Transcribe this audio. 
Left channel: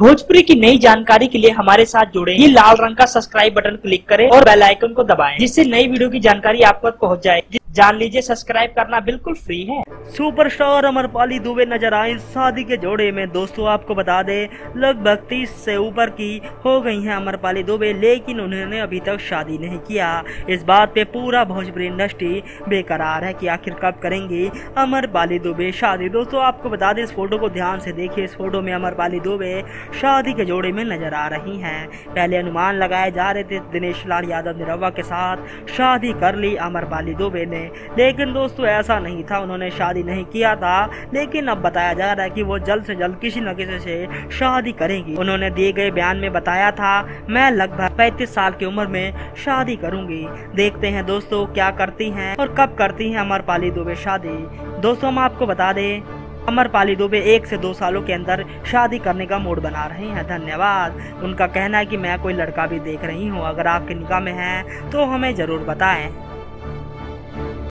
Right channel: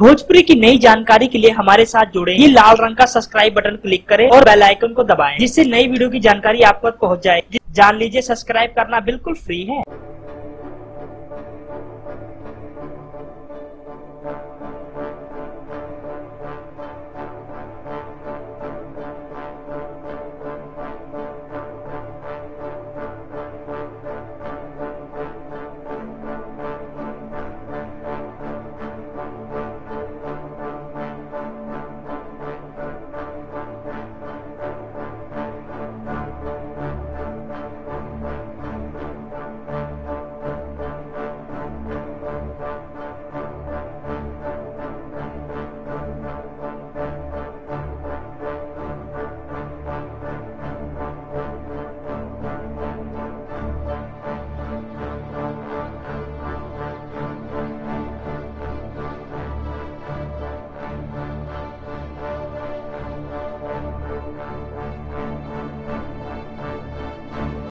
भोजपुरी की नई जानकारी के लिए हमारे साथ जुड़े। ये लाल रंग का सब्सक्राइब बटन क्लिक करें और बेल आइकन को दबाएं, जिससे नई वीडियो की जानकारी आप तक पहुंच जाए। जान लीजिए, सब्सक्राइब करना बिल्कुल फ्री है। सुपरस्टार अमरपाली दुबे नजर आए शादी के जोड़े में। दोस्तों आपको बता दें, लगभग 30 से ऊपर की हो गई हैं अमरपाली दुबे, लेकिन उन्होंने अभी तक शादी नहीं किया। इस बात पे पूरा भोजपुरी इंडस्ट्री बेकरार है कि आखिर कब करेंगी अमरपाली दुबे शादी। दोस्तों आपको बता दें, इस फोटो को ध्यान से देखिए। इस फोटो में अमरपाली दुबे शादी के जोड़े में नजर आ रही हैं। पहले अनुमान लगाए जा रहे थे दिनेश लाल यादव निरहुआ के साथ शादी कर ली अमरपाली दुबे ने, लेकिन दोस्तों ऐसा नहीं था, उन्होंने शादी नहीं किया था। लेकिन अब बताया जा रहा है कि वो जल्द से जल्द किसी न किसी से शादी करेंगी। उन्होंने दिए गए बयान में बताया था, मैं लगभग 35 साल की उम्र में शादी करूंगी। देखते हैं दोस्तों क्या करती हैं और कब करती हैं अमरपाली दुबे शादी। दोस्तों हम आपको बता दें, अमरपाली दुबे 1 से 2 सालों के अंदर शादी करने का मूड बना रही हैं। धन्यवाद। उनका कहना है कि मैं कोई लड़का भी देख रही हूँ, अगर आपके निगाह में है तो हमें जरूर बताएं।